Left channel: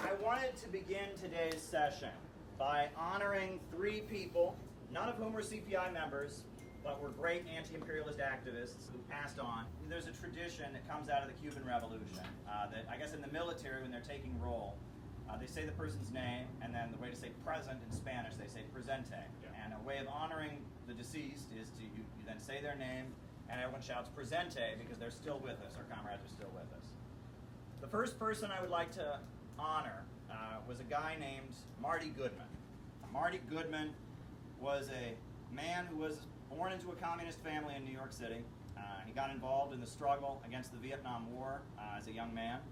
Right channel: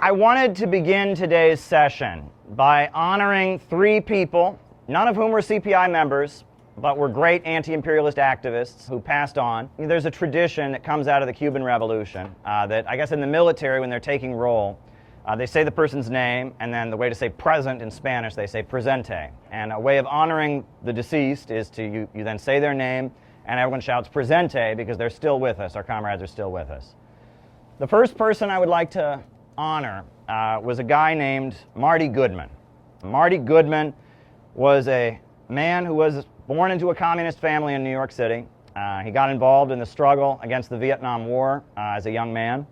I wanted to begin today's session by honoring three people, none of whom were CPI members, but were great anti-imperialist activists who passed on. There's a tradition that comes out of the Cuban Revolution that I guess in the military, when they're taking roll, they say the person's name, and then the way to say present in Spanish, they say presente. And a way of honoring the deceased is to you then say their name, and everyone shouts presente because they're still with us, our comrades are still with us. The first person I would like to honor was a guy named Marty Goodman. Marty Goodman was a man who was born into a communist family in New York City. He got involved in the struggle against the Vietnam War as a young man,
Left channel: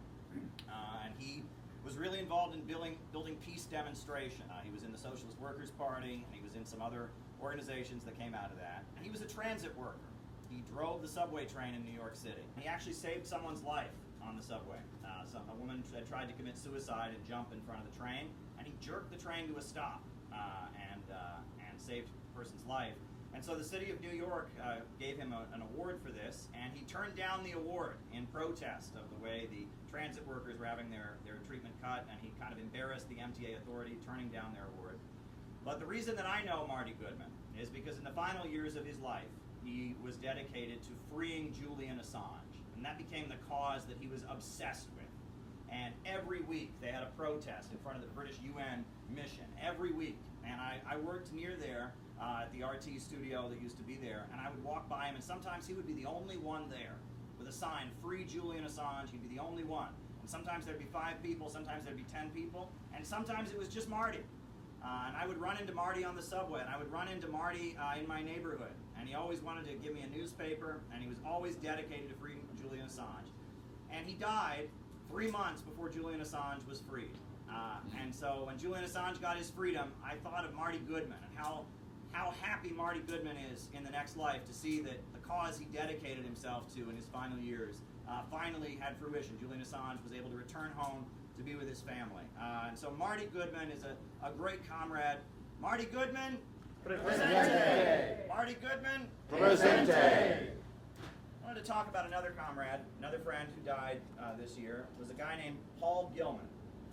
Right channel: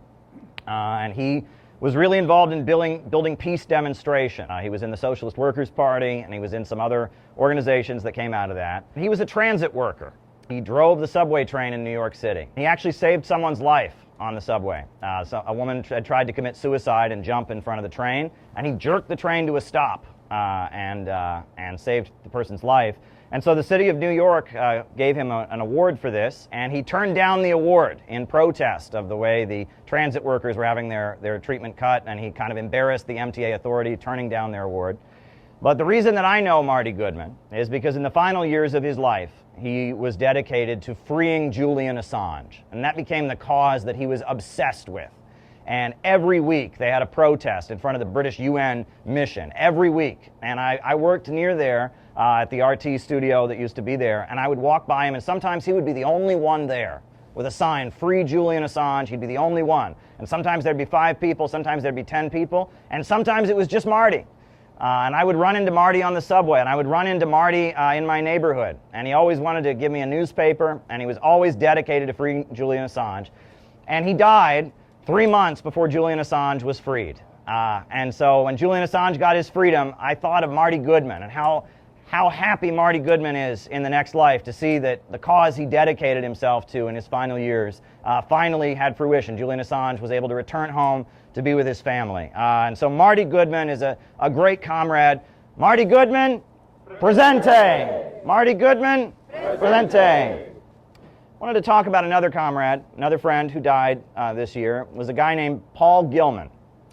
and he was really involved in building peace demonstration. He was in the Socialist Workers' Party, and he was in some other organizations that came out of that. He was a transit worker. He drove the subway train in New York City. He actually saved someone's life on the subway. So a woman had tried to commit suicide and jump in front of the train, and he jerked the train to a stop and saved the person's life. And so the city of New York gave him an award for this, and he turned down the award in protest of the way the transit workers were having their treatment cut, and he kind of embarrassed the MTA authority turning down their award. But the reason that I know Marty Goodman is because in the final years of his life, he was dedicated to freeing Julian Assange, and that became the cause that he was obsessed with. And every week they had a protest in front of the British UN mission, every week. And I worked near there at the RT studio that used to be there, and I would walk by him, and sometimes he would be the only one there with a sign, "Free Julian Assange." He'd be the only one. And sometimes there'd be 5 people, sometimes there'd be 10 people, and sometimes it was just Marty. And I would run into Marty on the subway, and I would run into Marty in my neighborhood. And he always wanted to give me a newspaper, and he was always dedicated to freeing Julian Assange. And he died 3 months before Julian Assange was freed. And so when Julian Assange got his freedom, I thought of Marty Goodman and how happy Marty Goodman is in the next life to see that the cause he dedicated himself to in his final years finally had fruition. Julian Assange was able to return home to be with his family. And so Marty Goodman is a great comrade. Marty Goodman, presente. Marty Goodman, presente. I wanted to talk about another comrade, another friend who died this year. It was a guy named Paul Gilman.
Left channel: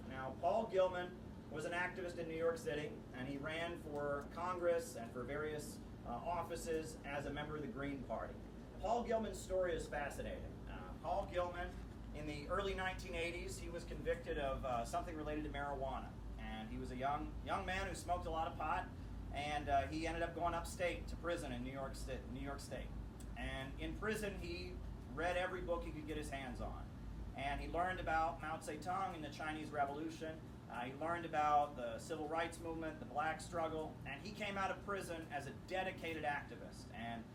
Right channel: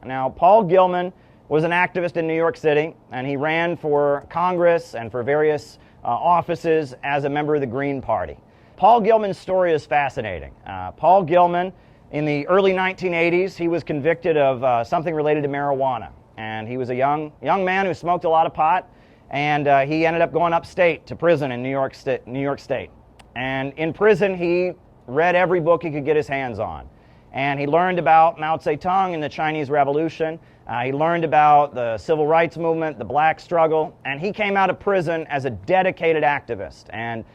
Now, Paul Gilman was an activist in New York City, and he ran for Congress and for various offices as a member of the Green Party. Paul Gilman's story is fascinating. Paul Gilman, in the early 1980s, he was convicted of something related to marijuana. And he was a young man who smoked a lot of pot, and he ended up going upstate to prison in New York State. And in prison, he read every book he could get his hands on. And he learned about Mao Zedong and the Chinese Revolution. He learned about the civil rights movement, the black struggle, and he came out of prison as a dedicated activist. And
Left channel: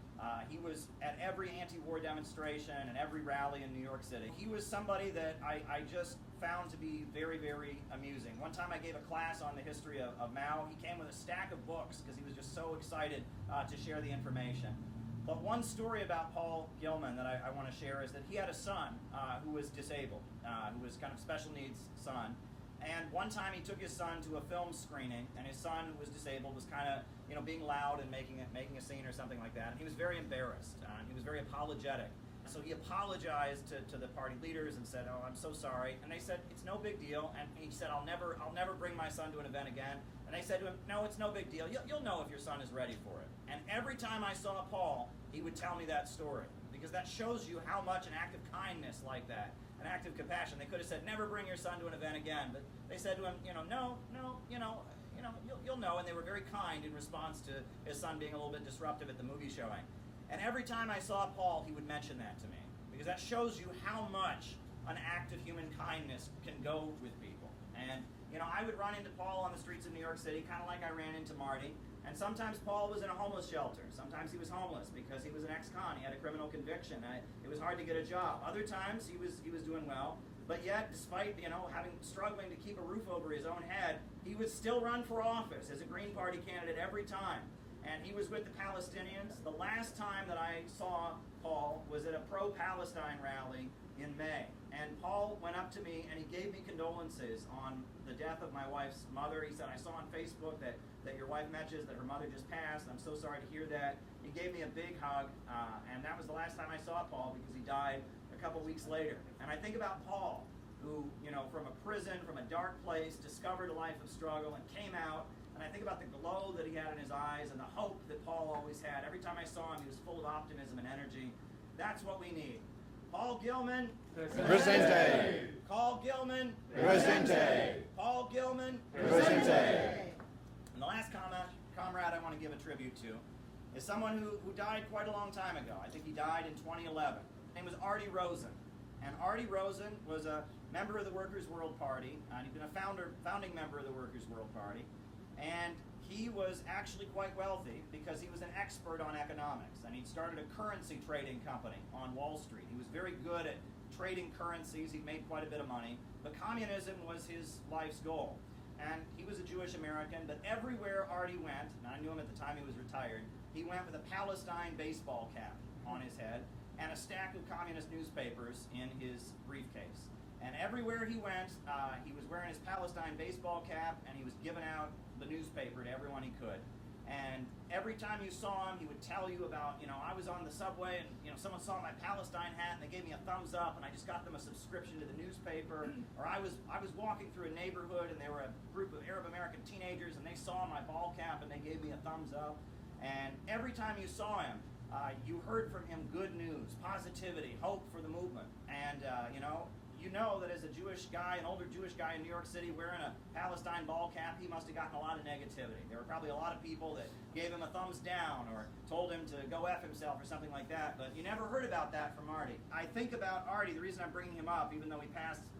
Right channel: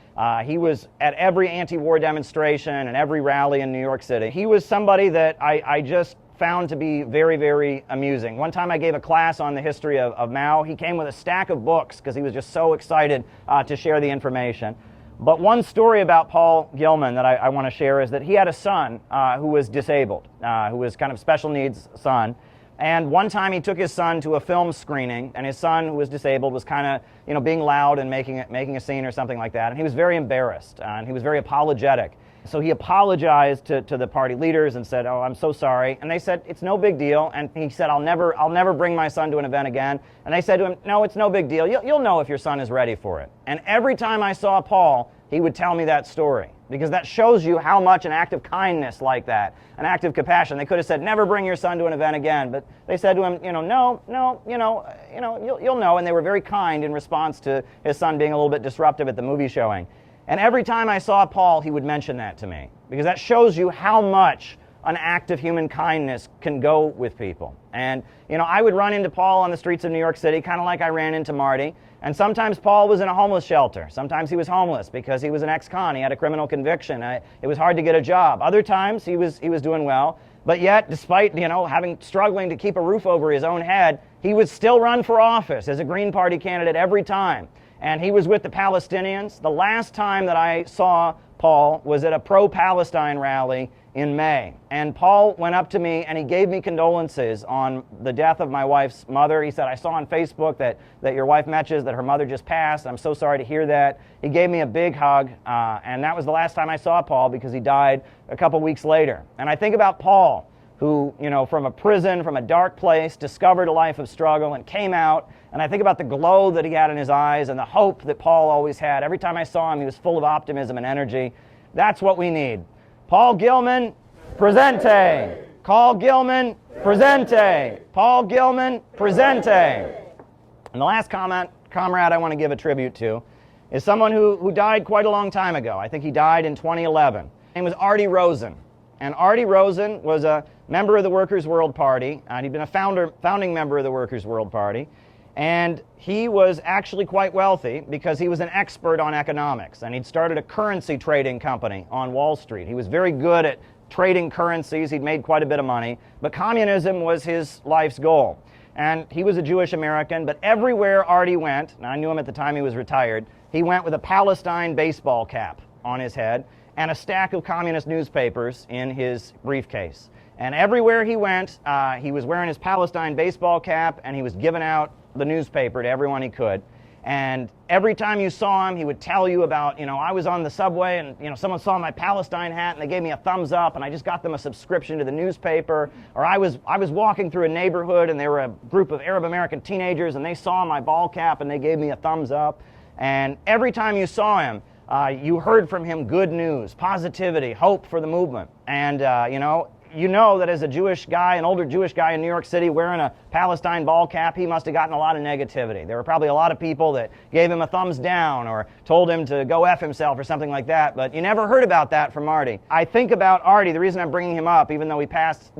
he was at every anti-war demonstration and every rally in New York City. He was somebody that I just found to be very, very amusing. One time I gave a class on the history of Mao. He came with a stack of books because he was just so excited to share the information. But one story about Paul Gilman that I want to share is that he had a son who was disabled, who was kind of special needs son. And one time he took his son to a film screening, and his son, who was disabled, was kind of, being loud and making a scene or something like that. And he was very embarrassed, and he was very apologetic. So he apologized to the party leaders and said, "Oh, I'm so sorry." And they said, "It's no big deal." And he said, I'll never bring my son to an event again." And they said to him, "No, it's no big deal. You'll know if your son is ready for it." And every time I saw Paul, he would tell me that story, because that shows you how much an act of kindness like that, an act of compassion. They could have said, "Never bring your son to an event again," but they said to him, "No, you'll know." And they were very kind in response to his son being a little bit disruptive at the movie showing. And every time I saw Paul, he would mention that to me, because that shows you how much an act of human kindness can go with people. And I would run into Paul on the streets of New York City, kind of like I ran into Marty. And sometimes Paul was in a homeless shelter. Sometimes he was homeless because he was an ex-con. He had a criminal conviction. It was hard to get a job. Other times he was doing well. But yet, despite struggling to keep a roof over his own head, he would still run for office as a Green Party candidate every time. And he was with the Palestinians. The last time that I saw Paul was at a pro-Palestine rally in May. And Paul went up to me and he gave me condolences on the death of my wife's mother. He said, "I saw on Facebook that your wife mentions that her mother just passed. I'm so sorry to hear that." He gave me a big hug, and that was the last time I saw Paul, because he died a couple weeks later. And I think about Paul who, from a prison, from a dark place, discovered a life of struggle and came out. And I think about the glow that he had in his eyes and the hope that Paul always had. Every time I saw him, he was full of optimism and energy. That's what we need. Paul Gilman, presente. Paul Gilman, presente. Paul Gilman, presente. And the last comrade I want to give a tribute to is someone who died quite a long time ago. I think he died in 2011. His name was Artie Rosen. And Artie Rosen was a member of the Workers' World Party, and he'd been a founding member of the Workers' World Party. And he was actually quite wealthy because he was an expert on economics, and he'd started a currency trading company on Wall Street. He was very good at trading currencies. He'd made quite a bit of money, but communism was his life's goal. And he was a Jewish American, but everywhere Artie went, and I knew him at the time he was retired, he went with a Palestine baseball cap on his head and a stack of communist newspapers in his briefcase. And everywhere he went, he was wearing his Palestine baseball cap, and he was giving out the newspaper to everyone he could. And every time you saw him, he would tell you about, I was on the subway and, someone saw my Palestine hat and they gave me a thumbs up and I just got them a subscription to the newspaper. Or I was walking through a neighborhood and there were a group of Arab American teenagers and they saw my ball cap and they gave me a thumbs up. And every time you saw him, you heard from him good news, positivity, hope for the movement. And, you know that as a Jewish guy, an older Jewish guy in New York City wearing a Palestine ball cap, he must have gotten a lot of negativity. There were probably a lot of people that gave him a thumbs down or told him to go F himself or something like that, but you never heard about that from Artie. I think about Artie, the reason I'm bringing him up, even though he passed,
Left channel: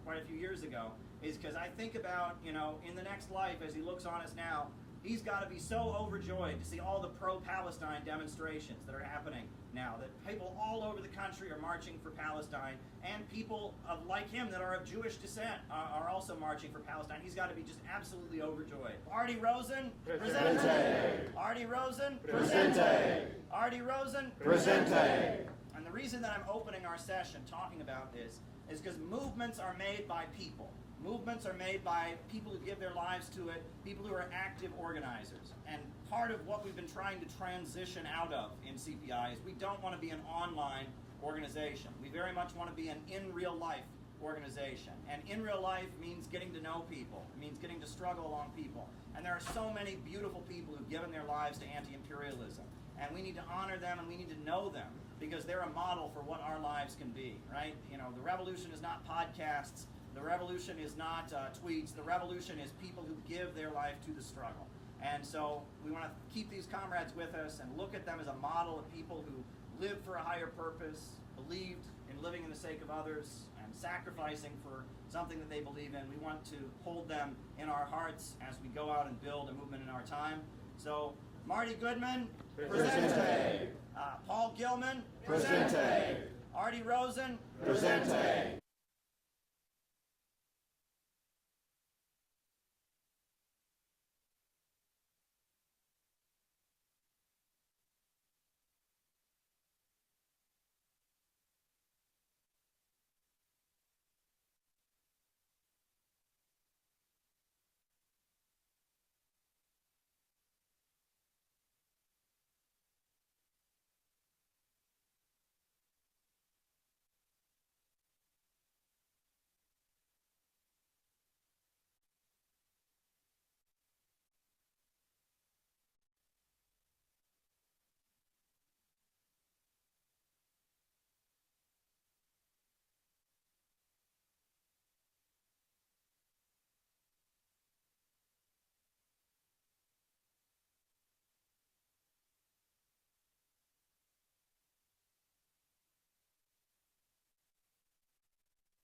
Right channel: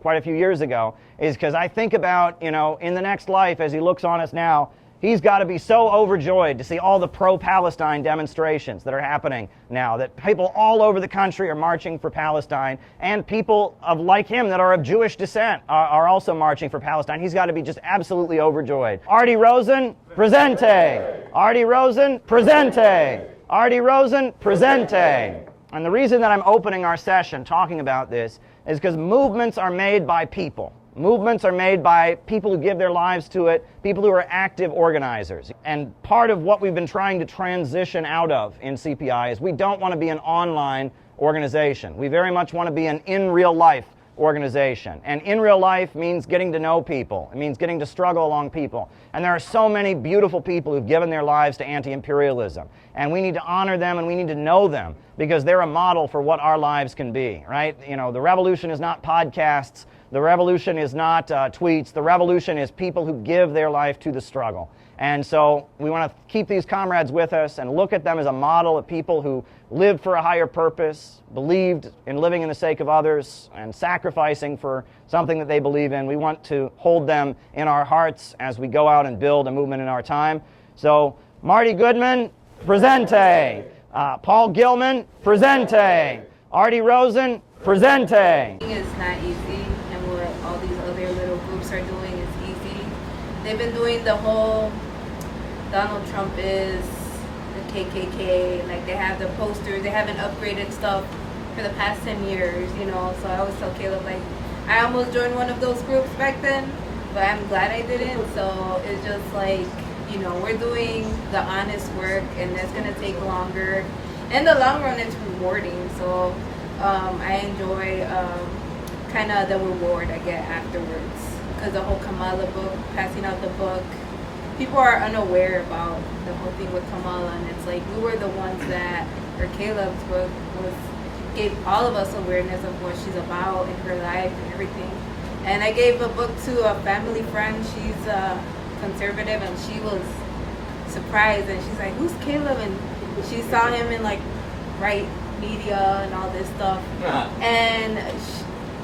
quite a few years ago, is because I think about, in the next life as he looks on us now, he's got to be so overjoyed to see all the pro-Palestine demonstrations that are happening now, that people all over the country are marching for Palestine, and people like him that are of Jewish descent are also marching for Palestine. He's got to be just absolutely overjoyed. Artie Rosen, presente. Artie Rosen, presente. Artie Rosen, presente. And the reason that I'm opening our session talking about this is because movements are made by people. Movements are made by people who give their lives to it, people who are active organizers. And part of what we've been trying to transition out of in CPI is we don't want to be an online organization. We very much want to be an in real life organization. And in real life means getting to know people. It means getting to struggle along people. And there are so many beautiful people who've given their lives to anti-imperialism. And we need to honor them and we need to know them because they're a model for what our lives can be, right? The revolution is not podcasts. The revolution is not tweets. The revolution is people who give their life to the struggle. And so we want to keep these comrades with us and look at them as a model of people who lived for a higher purpose, believed in living in the sake of others, and sacrificing for something that they believe in. We want to hold them in our hearts as we go out and build a movement in our time. So Marty Goodman, presente. Paul Gilman, presente. Artie Rosen, presente. It's not easy. All these other little groups are doing is easy. They've been doing the whole Donald Trump is the KKK, like they have the posters, they haven't upgraded stuff for the past 10 years, so I always tell Caleb, like, I almost joined one of those groups back then, but I'm glad I didn't. So it's just like, we're doing the honest work and that's going to take longer. In the long run, it's rewarding, so I enjoy kind of the reward I get afterwards, because the whole Kamala book, passing out the book, people are unaware about the whole thing with Kamala, and it's like we were the ones that, or Caleb's book gave all of us awareness of what she's about in her life and everything. And I gave a book to a family friend. She's conservative, and she was surprised, and she's like, "Who's Caleb?" And she saw him in like right media and all this stuff, and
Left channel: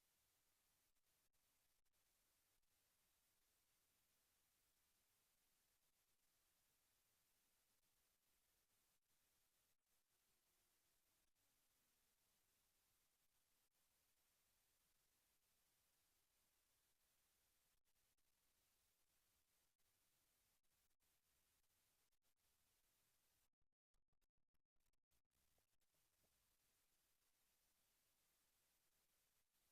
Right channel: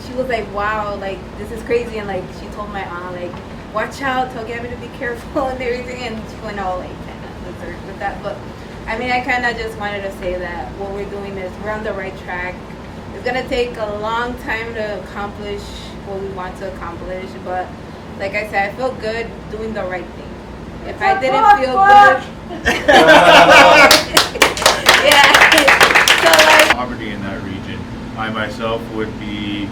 she was like, wow, like, this is crazy. And like, she told my aunt, like, watch out, tell Gabby to be careful and everything. And she went all like with that. But I mean, I kind of just wanted to say that what we're doing is we're on the right track. It's going to take a long time to accomplish what we want to accomplish. But like I said, I feel good doing the right thing. If I didn't feel good, yeah. So like, poverty in that region. I myself would be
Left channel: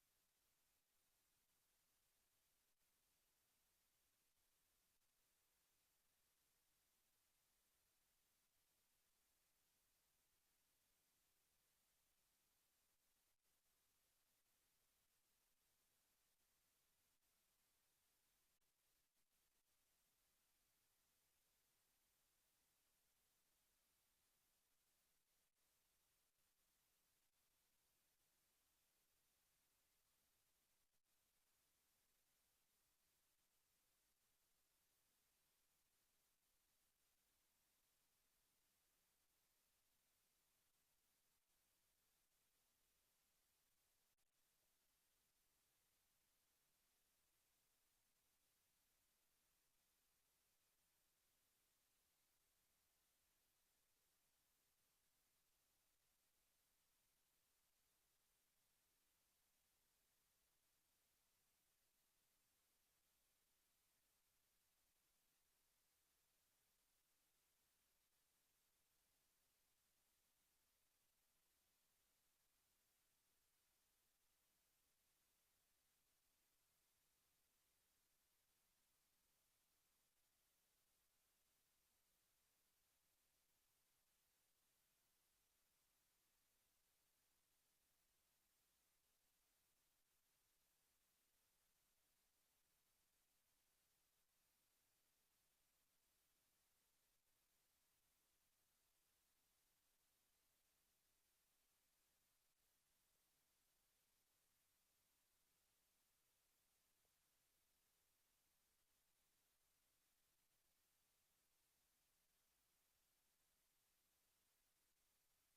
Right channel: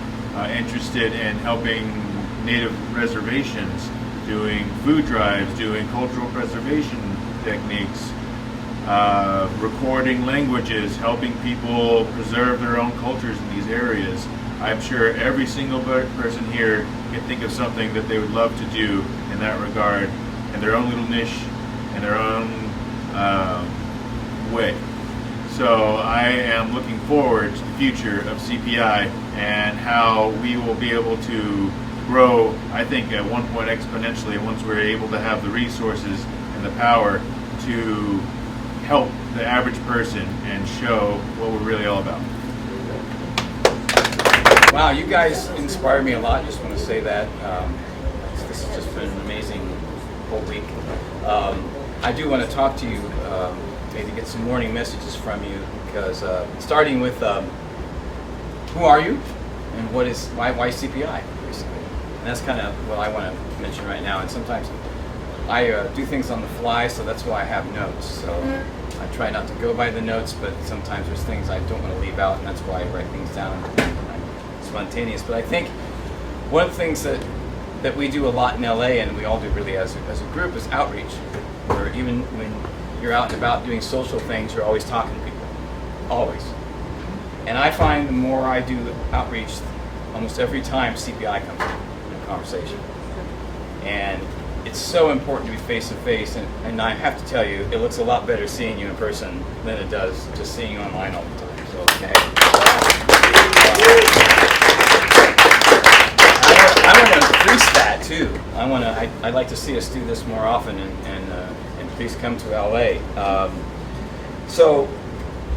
interested in helping native reservations, doing food drives, doing cultural preservation techniques, recording languages, helping people preserve their own cultures in these areas. I'm sure every single person here can think of something that they would love to do in that regard, in their own little niche, in their own way. So I am looking forward to the future of CPI and how we will be able to grow, I think, at one point exponentially once we're able to have the resources and the power to help the average person and show what we're really all about. Wow, you guys inspire me a lot. Just want to say that. This has just been an amazing whole week. I do want to talk to you, maybe get some warning messages from you, because starting with who are you and why CPI, basically. And that's kind of what I want to mention right now. And sometimes I do things on the fly, so that's why I have notes. So I try not to go by the notes, but sometimes there's things I don't want to leave out, and that's why I write things down. Spontaneous. But I think one of the things that we do a lot in LA, and we all do really as a group, is outreach. Where even when you're out and about doing social things, you're always talking to people. Always. And I find the more I do outreach, almost every time CPI comes in a conversation. And it's so important to be face to face, and I have to tell you, it looks a lot better seeing you in person than it does just seeing you online all the time. So, okay. I want to increase that too. I'd like to see us do this more often, and please come to LA. So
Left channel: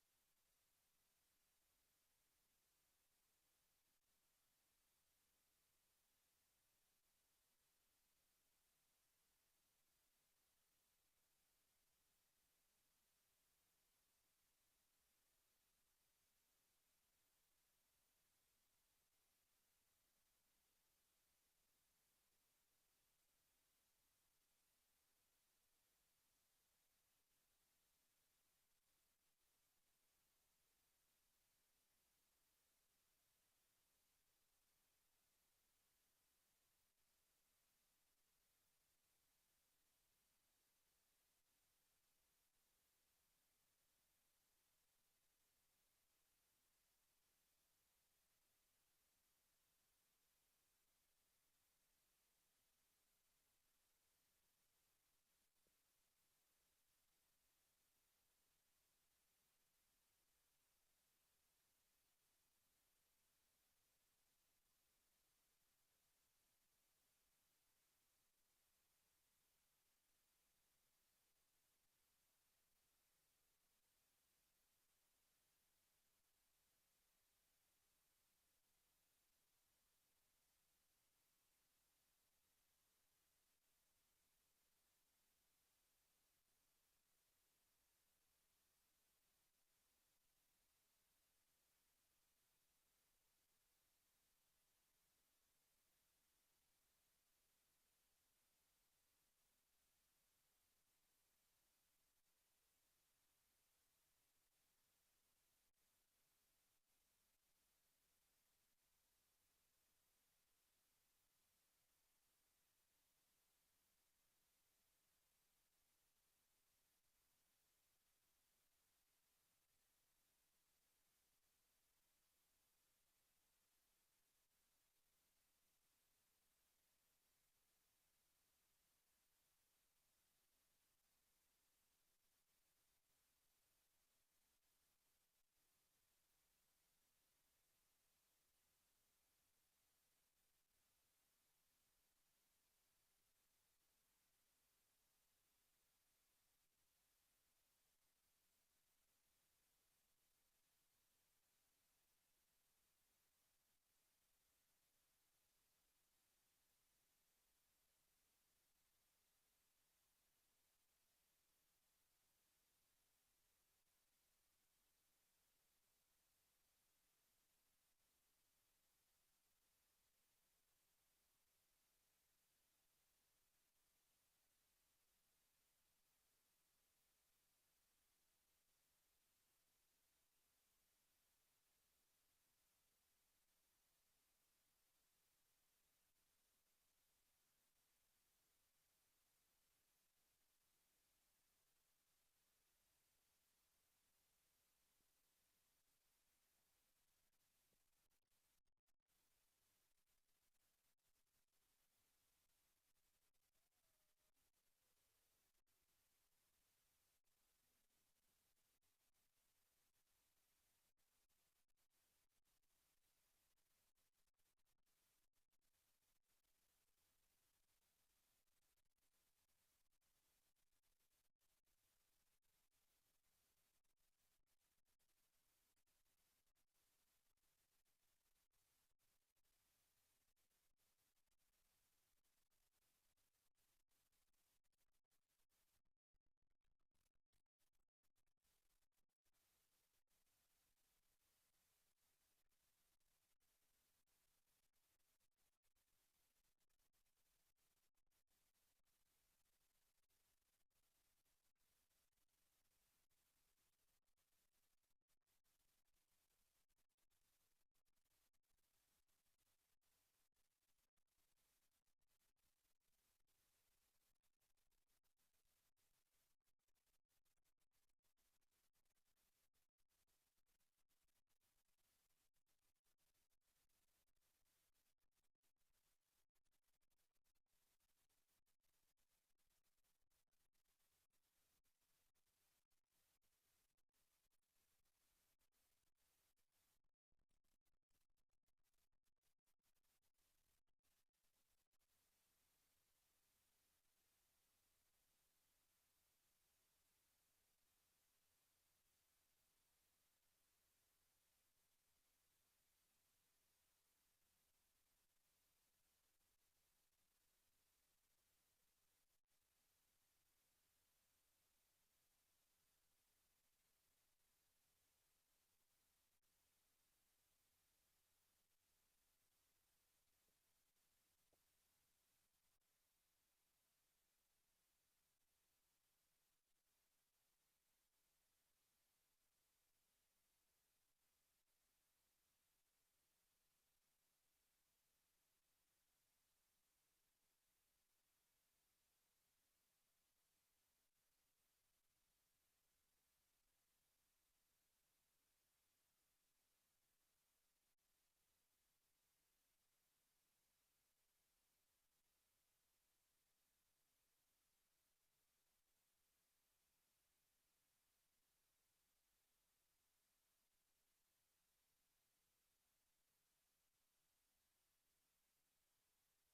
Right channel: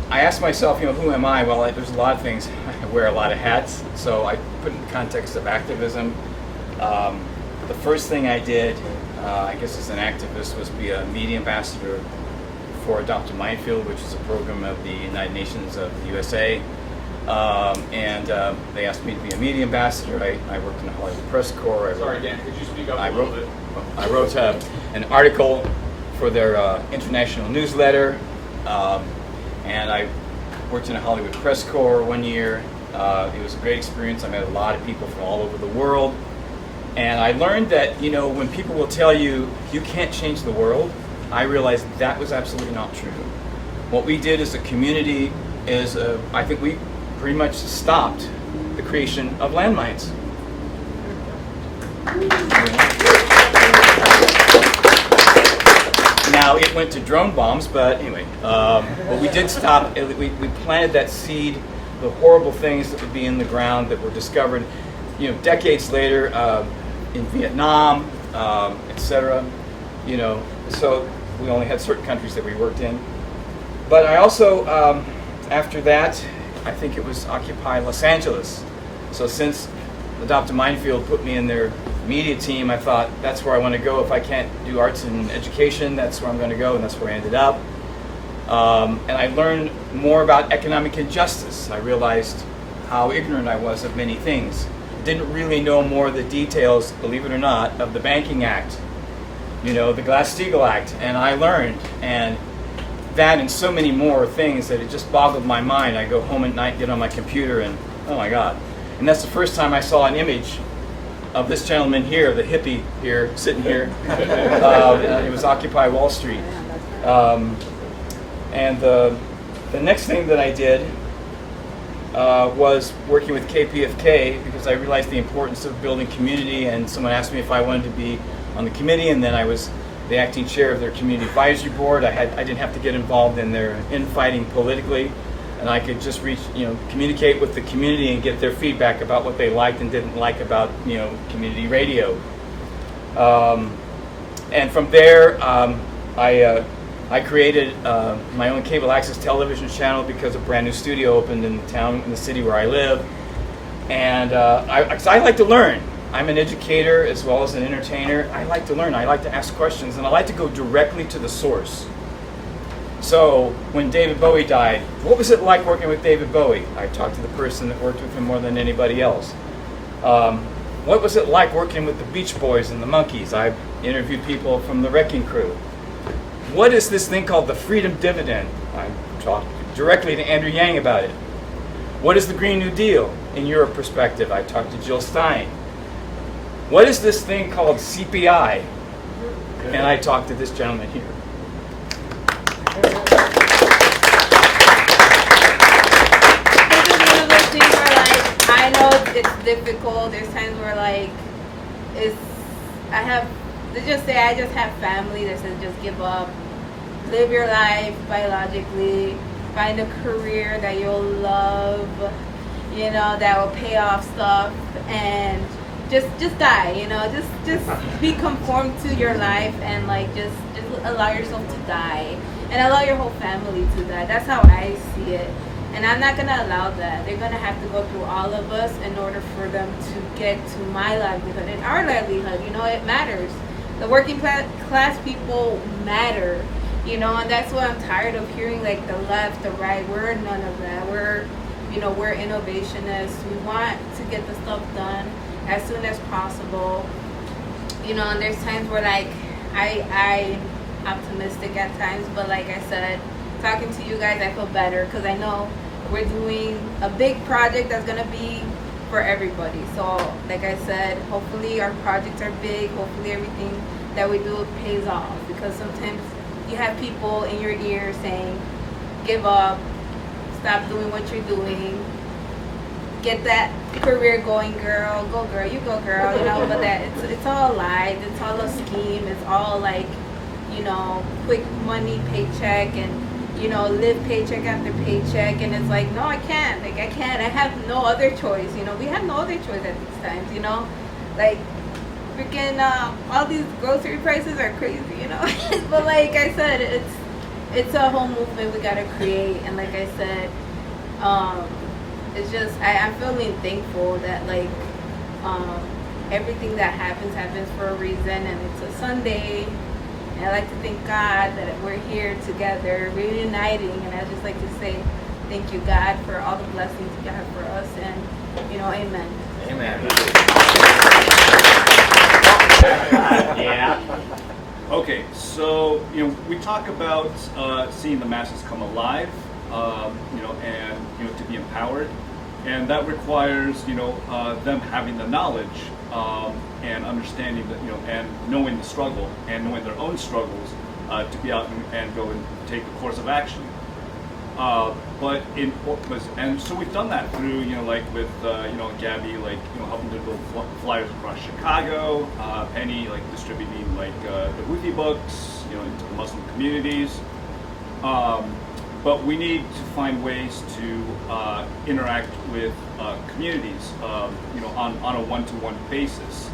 I asked myself, who am I? Well, there's a lot of things. I wear a lot of hats. So I put in the context of activism. The first thing I did, I guess as an activist, was be a media ambassador for Adopt a Minefield, which is a program of the United Nations of the USA. And they asked me to be a media ambassador. I worked in the Hollywood Press Corps. Sorry, Dan, could you speak up a little bit? I wrote an article for their international newsletter, and I worked in the Hollywood Press Corps 1 year. It was a great experience. I met a lot of people from all over the world. And I learned that, when people will tell you, you can't change the world, I realized that was absolutely not true. What we did as a community is, I think we pretty much stopped the creation of landmines. Now, it went to drone bombs, but anyway, what we did stop, we planted that seed, the horrible things that would be in the ground that were discovered, decades later in Vietnam, etc. So we only had certain countries that we worked in. But I also, after that, I think it was Occupy Los Angeles. So since Adopt a Minefield put me in their media team, I thought that's where I want to go. If I can't do arts and education, that's where I'm going to go, and that's where I ended up. And I learned more about economic injustice. I realized how ignorant I was of many things. Didn't really know more of the details, believe it or not, of the Banking Act, the Glass-Steagall Act, and I learned, and that and so many more things that it just boggled my mind. I go home at night, get on my computer, and oh my God. And that's the first time I saw an image of this gentleman here, the hippie here, sitting here. It was Occupy Wall Street. And the next thing that I did was working with KPFK, because I realized the importance of building community, and someone asked me if I wanted to be on the committee, and then I was the acting chair of their community advisory board. I didn't have to get involved in their infighting politically, and I could just communicate with the community and get their feedback about what they liked and didn't like about community radio. And from there, I created my own cable access television channel because a brand new studio opened in the city where I live. And I like to learn. I'm an educator as well as an entertainer. I like to learn. I like to ask questions, and I like to go directly to the source. So when David Bowie died, what was it like working with David Bowie? I talked to the person that worked with him more than anybody else. What was it like working with the Beach Boys and the Monkees? I interviewed people from the Wrecking Crew. What is this thing called the Freedom Dividend? I talked directly to Andrew Yang about it. What is the Green New Deal in your perspective? I talked to Jill Stein. What is this thing called CPI? And I talked to this gentleman here. This is one of those things where, I know it's it's difficult. There's times where like it's I just have family that says just give up, live your life biologically, find a career that you'll love, that will pay off stuff, and just die, just be conformed to your life, and like just allow yourself to die and allow your whole family to die. That's how I see it. And I'm not gonna allow that. They're gonna have to go through all of us in order for them to get to my livelihood and our livelihood. It matters. The working class people matter. And that's why I'm tired of hearing like the left, the right. We're none of that. We're innovationists. We want to get the stuff done as soon as possible. And there's times where like I'm optimistic at times, but like I said, talking to you guys, I feel better because I know we're doing a big project that's gonna be for everybody. So like I said, hopefully our projects are big. Hopefully everything that we do pays off, because sometimes you have people in your ear saying, give up, stop doing what you're doing, get that career going, girl, go girl, you go girl, but that it's all lies, it's all a scheme, it's all like, quick money paycheck, and live paycheck after paycheck, and it's like, no, I can't, I have no other choice, we have no other choice at these times, like freaking all these grocery prices are crazy, but like I said, it's a whole movement we gotta create, and like I said, it's just I'm feeling thankful that like everything that happens for a reason, and it's a Sunday. And I like to thank God that we're here together, reuniting, and I just like to say thank you, God, for all the blessings you have for us, and amen. Amen. Yeah. Okay, so we talk about seeing the masses come alive, and to be empowered, and that requires them having the knowledge and understanding that and knowing the struggle and knowing their own struggles to be out and go and take a course of action. And so we've done that through like with Gabby, like helping to build flyers across Chicago, Penny like distributing like the Houthi books into the Muslim communities. But we need to find ways to interact with communities, on a one-to-one basis.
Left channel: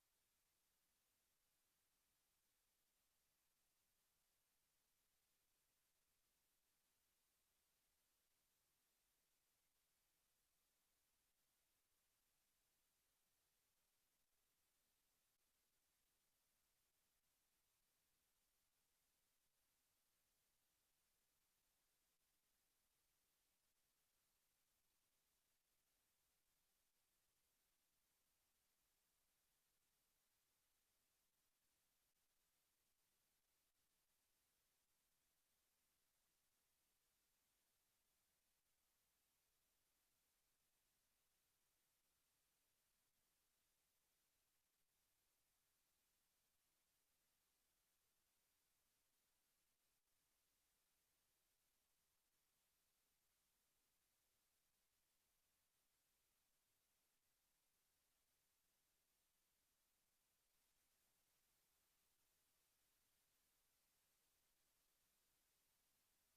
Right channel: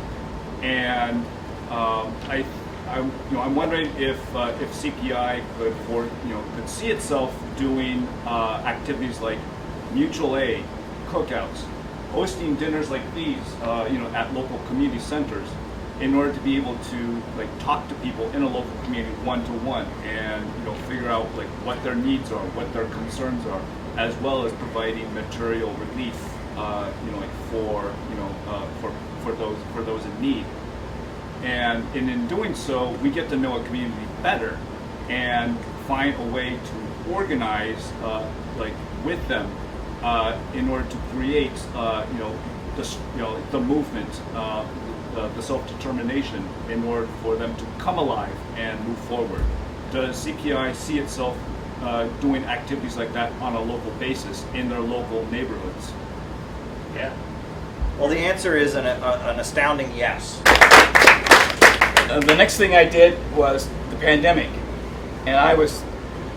And I'm wondering if CPI could see itself doing activities like mutual aid, cookouts, hosting dinners like these, at local community centers, in order to be able to like talk to people in a local community one-to-one, and figure out like what their needs are, what their concerns are, as well as providing material relief, for those in need. And in doing so, we get to know a community better and find a way to organize with them in order to create the movement, the self-determination, in order for them to come alive and move forward. Does CPI see itself doing activities like that on a local basis in their local neighborhoods? Yeah. Well, the answer is an astounding yes. The next thing I did was the pandemic, and I was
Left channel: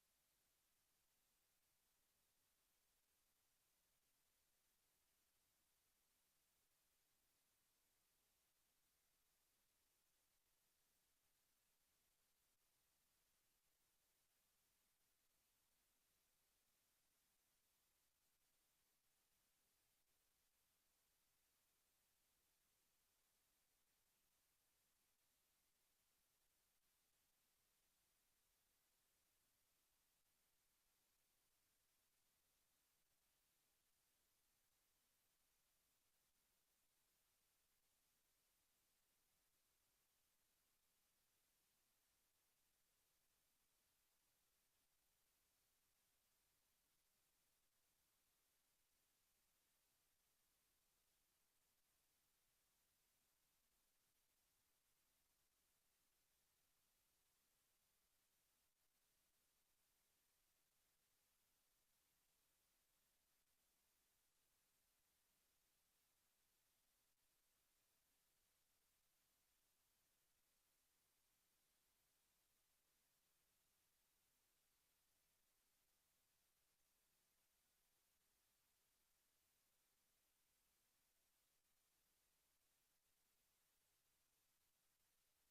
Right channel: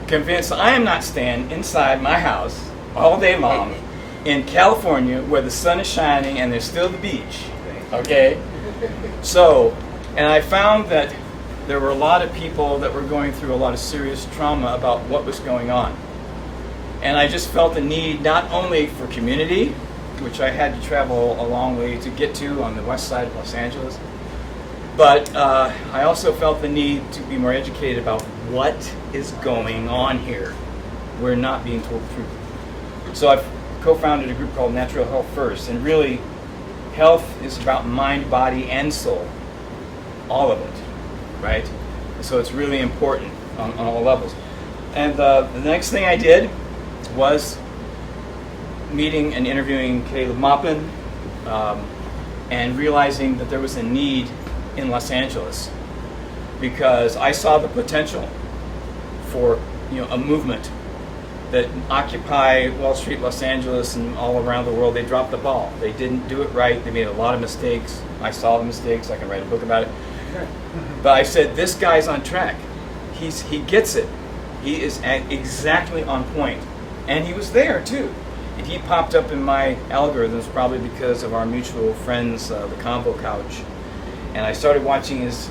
convinced I am not staying inside my house all day long in California where the sun is shining and there's still the beach. Okay? So, and I found that there were a lot of people that were going through a lot of serious trauma about what was going on. And I just felt the need not only for community, which I had to travel a long way to get to on the west side of Los Angeles, but I also felt the need to be more educated about what is going on here. We're not being told the truth. So I've co-founded a group called Natural Health First, and really, health is about mind, body, and soul. All of it, right? So it's really important on all levels. And the next thing I did was meeting and interviewing Caleb Maupin, and realizing that there was a need in Los Angeles, because I saw the potential for a movement that occupy Wall Street, Los Angeles, and all around the world, they dropped the ball. They didn't do it right. They made a lot of mistakes. I saw the mistakes. I can write a book about it. But I said, this guy's on track. He gets it. He is exactly on point. And he was there, too. And he popped up in my algorithms probably because of our mutual friends, the Combo Couch. And I started watching his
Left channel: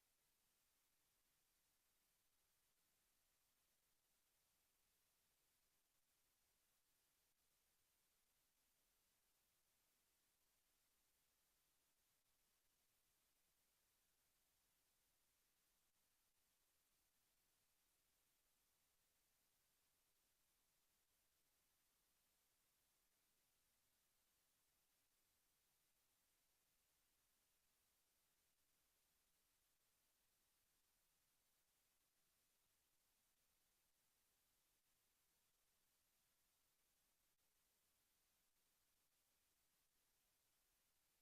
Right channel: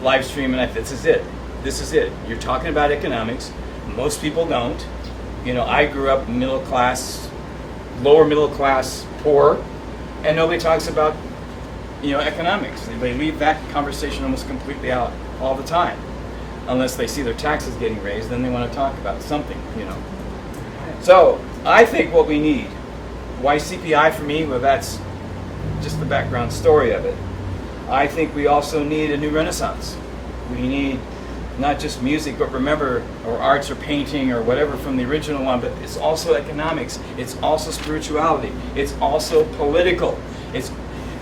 live stream, and I thought, this is it. This is it. You're talking about economics. Most people don't. You know, I grew up middle class, lower middle class, poor, and nobody talks about, you know, economics. They leave that conversation almost completely out all the time. Unless they see their taxes getting raised, then they want to talk about something, you know. So, I think what we need, why CPI for me? Well, that's just the background story of it. I think we also need a new renaissance. We need not just music, but remember, or arts or painting or whatever from the original one, but it's also economics, it's also spirituality, it's also political,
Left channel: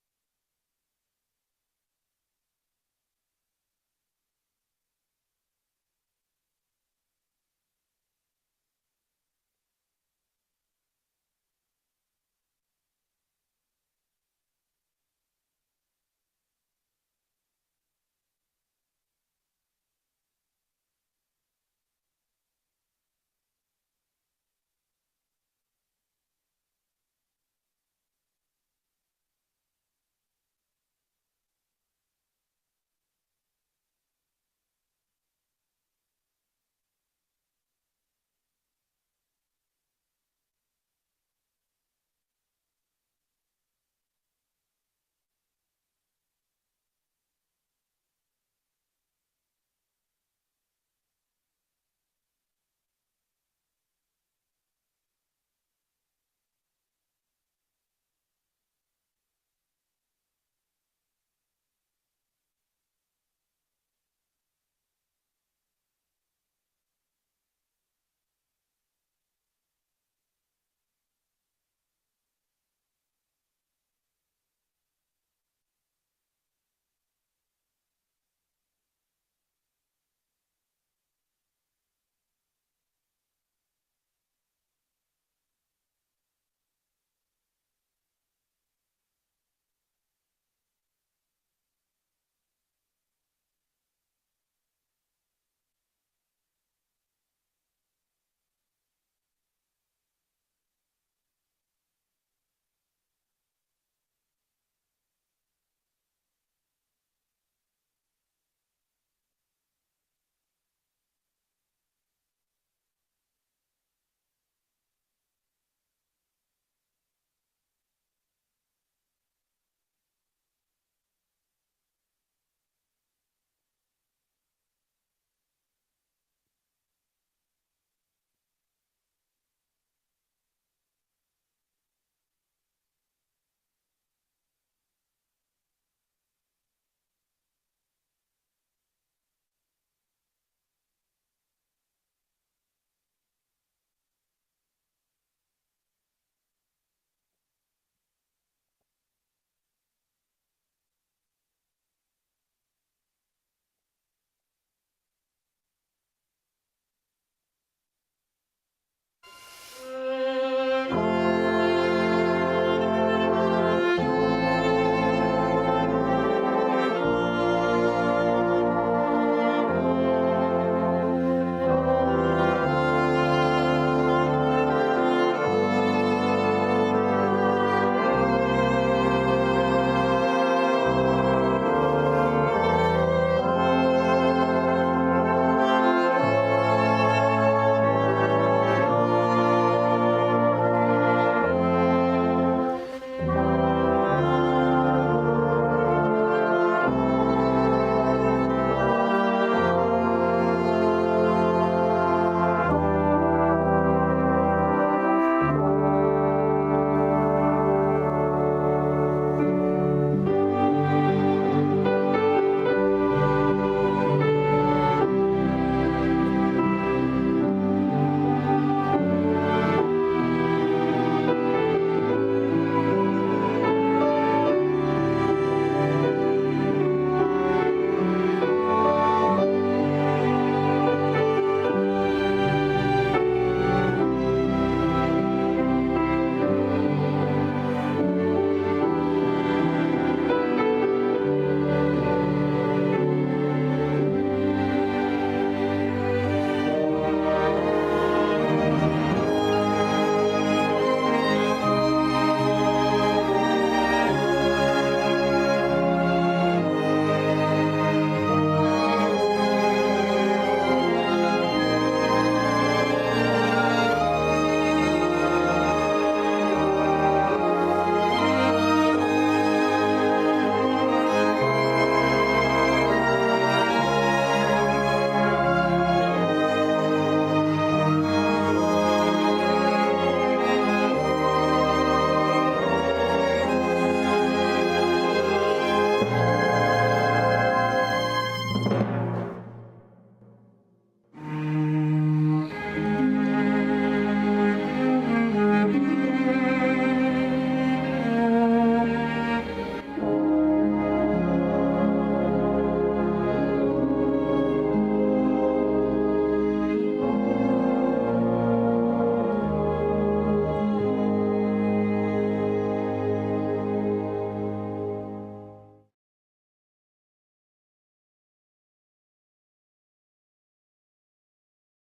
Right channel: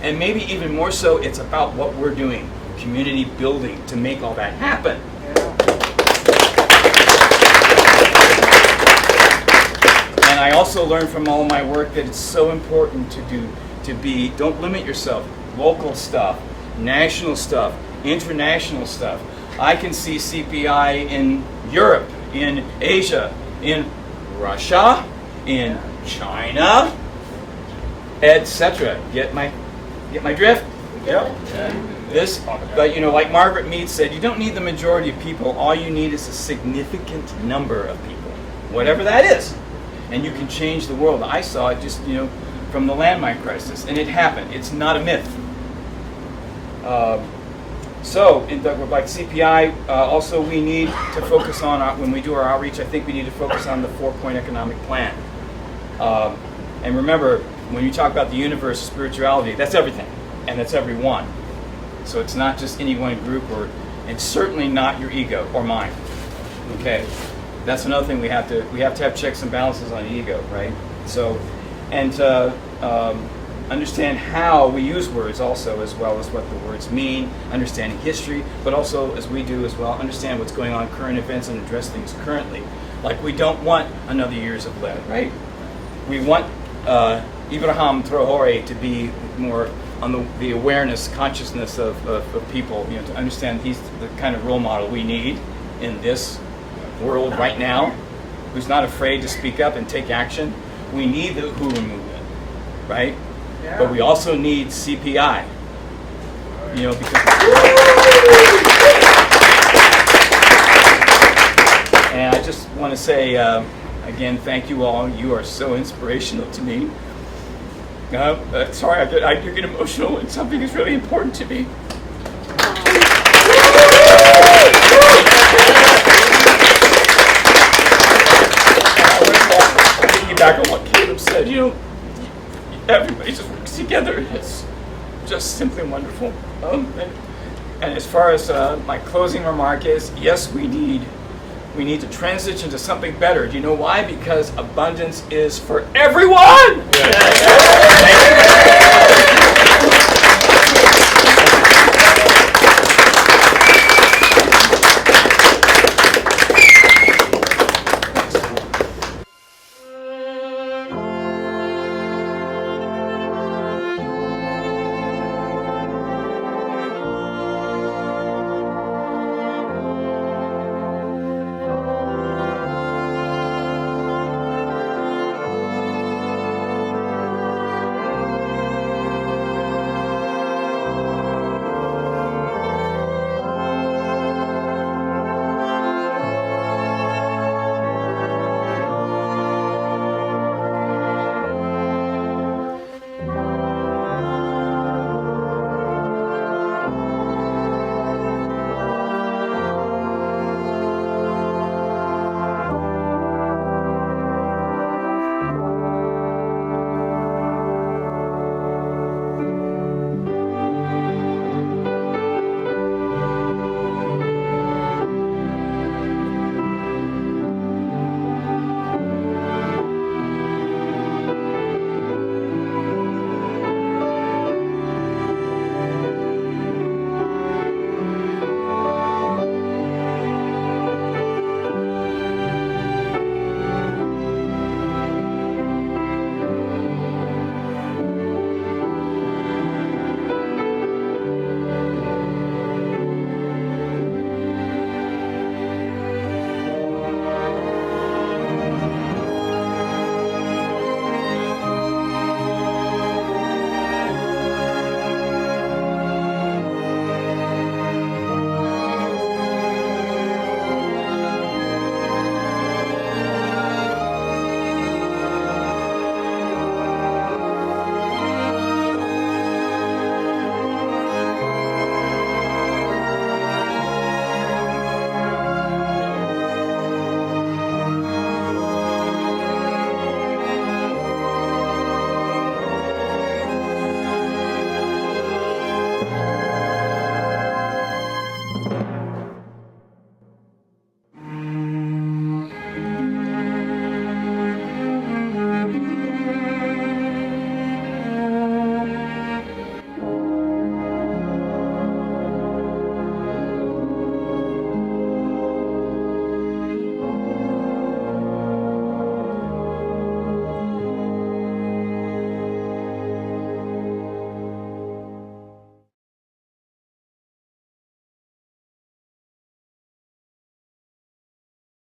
and maybe even more so, it's about what we're doing, community building to make all that happen. And I also learned from all my work that it's so important don't limit yourself. Local stuff, national stuff, international stuff. I can see CPI in Europe, in Asia, in Russia, in China, etc. Get my drift? Yep. But you know, like Margaret Mead said, you don't need the majority of people. All you need is a significant number of people, whatever that is, and you can change the world. I saw it just, you know, from the landmine crisis, and it happened. It's not a myth. Like CPI, also we need to focus on, when we do our outreach, I think we need to focus on the 4-point economic plan. And remember, when you talk about the universe, spirituality, that's everything, and that's everyone. So it's not just any one group, and certainly not your ego or mine. Okay, that's another thing we have to have checks and balances on ego, right? So, and understand how we use words also, as well as what the words mean, understanding history, but also, as we do as well, understand what's going on, current events, and address things currently. Like, we don't want another years of lead, right? We want Ibrahim Traore to be more on the awareness, consciousness of people, you know, to understand he's the kind of role model we need in this world right now, who's not afraid to speak up and take action. We need the Uhuru movement, right? Yeah. But we also need CPI, you know, because... And I just want to say, again, thank you all. You are so inspirational to me. Sorry, I do get emotional when something is really important to me. Back on what Caleb said, you know, everybody just works together. It's just simply wonderful. And as far as my closing remark is, yes, we need to transition to something better. Do you know why? Because abundance is for everyone. Yes.